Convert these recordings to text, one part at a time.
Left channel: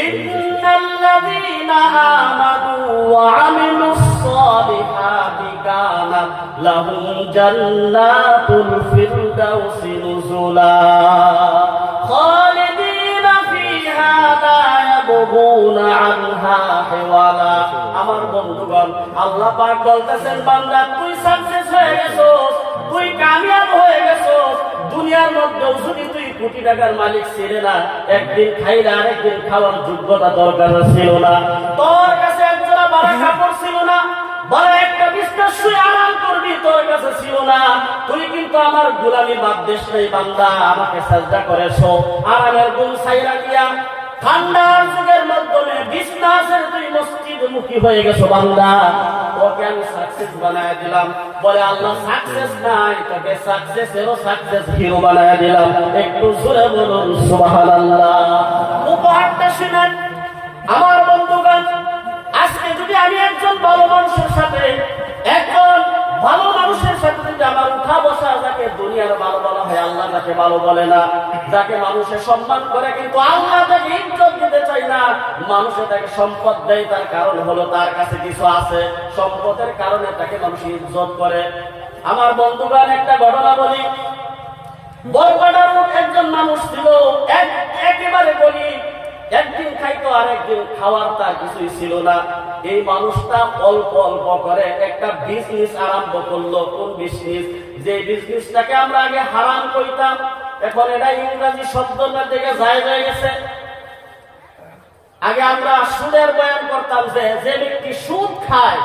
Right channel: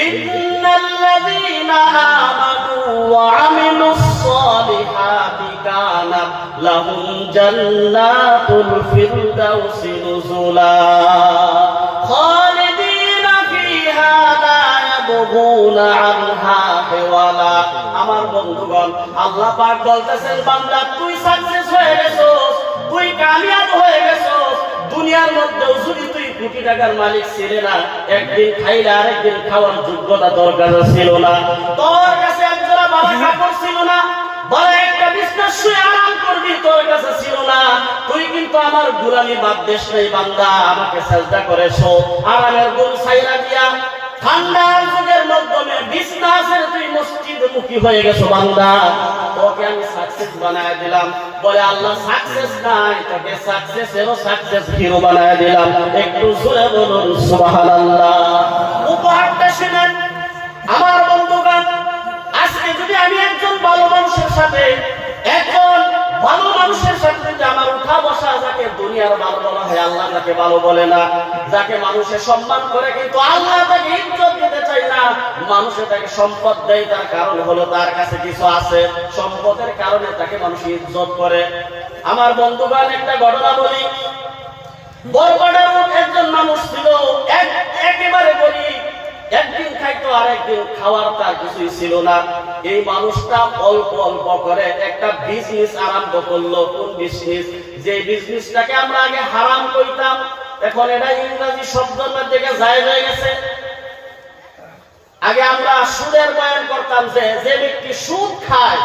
ইন্নাল্লাযীনা আমানু ওয়া আমিলুস সালিহাতি কানাত লাহুম জান্নাতুল ফিরদাউসি নুজুলা খালিদিনা ফিহা লা ইয়াবগুনা আনহা হিওয়ালা। আমার বন্ধুগণ, আল্লাহ পাক বলতেছেন, বান্দা তুই সাকসেস হয়ে গেছস, তুই কামিয়াব হয়ে গেছস। দুনিয়ার মধ্যেও যদি তুই কোটি টাকার মালিক ছিলে না, একদিন খাইলে আরেকদিন খাওয়ার যোগ্যতা তোর কাছে ছিল না, তোর কাছে একজোড়া ভালো কাপড় ছিল না, বড় একটা বিছনায় শুয়ে আরাম করবি তোর কাছে ছিল না, তুই কিন্তু আমার গোলামি বাদ দিস নাই বান্দা, আমাকে সাজদা করেছো, আরামের গুণ ছাইরা দিয়া ঠান্ডার যুগের মাধ্যমে বিছনাসের তুই মসজিদমুখী হয়ে গেছো বান্দা, তোকে আমি সাকসেস বানায় দিলাম। বলে আল্লাহ সাকসেস নাই, তোকে সাকসেসেরও সাকসেস হিরো বানায় দিলাম। একটু জোরে বলুন সুবহানাল্লাহ। উপহারটা শুনেন আমার বন্ধুগণ। আজকে যদি আমি একজন ভালো মানুষের সাথে যদি আমার উঠা বসা, যাকে দুনিয়ার ভালো বলা হয়, আল্লাহ যাকে ভালো বলে না, যাকে মানুষে সম্মান করে কিন্তু আল্লাহ তাকে ইজ্জত দিতে চায় না, মানুষে তাকে সম্পদ দেয়, তার কারণ হলো তার কাছে কিছু আছে, সম্পদের কারণে তাকে মানুষ ইজ্জত করে। আমার বন্ধুগণ, একটা ঘটনা বলি। বরপাড়ার একজন মানুষ ছিল, একেবারে গরিব, একদিন খাইতো আর একদিন খাওয়ার তার কিছুই ছিল না। এই মানুষটা অল্প অল্প করে একটা বিজনেস আরম্ভ করলো। কোন বিজনেস? যে বিজনেসটাকে আমরা আগে হারাম কইতাম, এখন এটা ইংরেজি শব্দের মধ্যে যায় গেছে। আগে আমরা সুদের বয়ান করতাম যে যে ব্যক্তি সুদ খায়,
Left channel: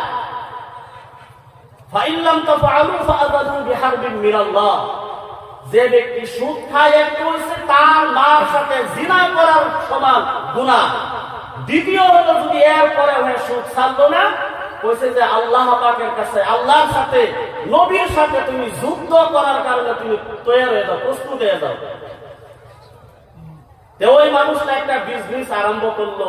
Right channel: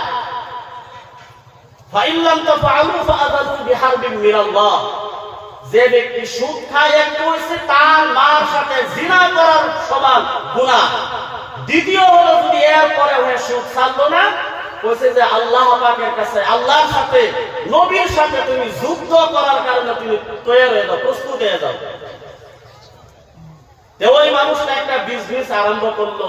ফাইল্লাম তাফআলু ফাআযানু বিহারবিন মিনাল্লাহ, যে ব্যক্তি সুদ খায়, একটা হইছে তার মার সাথে জিনা করার সমান গুনাহ। দ্বিতীয় হলো যদি এর পরে হয়ে সুদ ছাড়লো না, কইছে যে আল্লাহ পাকের কাছে, আল্লাহর সাথে, নবীর সাথে তুমি যুদ্ধ করার কারণে তুমি তৈরি হয়ে যাও, প্রস্তুত হয়ে যাও। ওই মানুষটা একটা বিজনেস আরম্ভ করলো।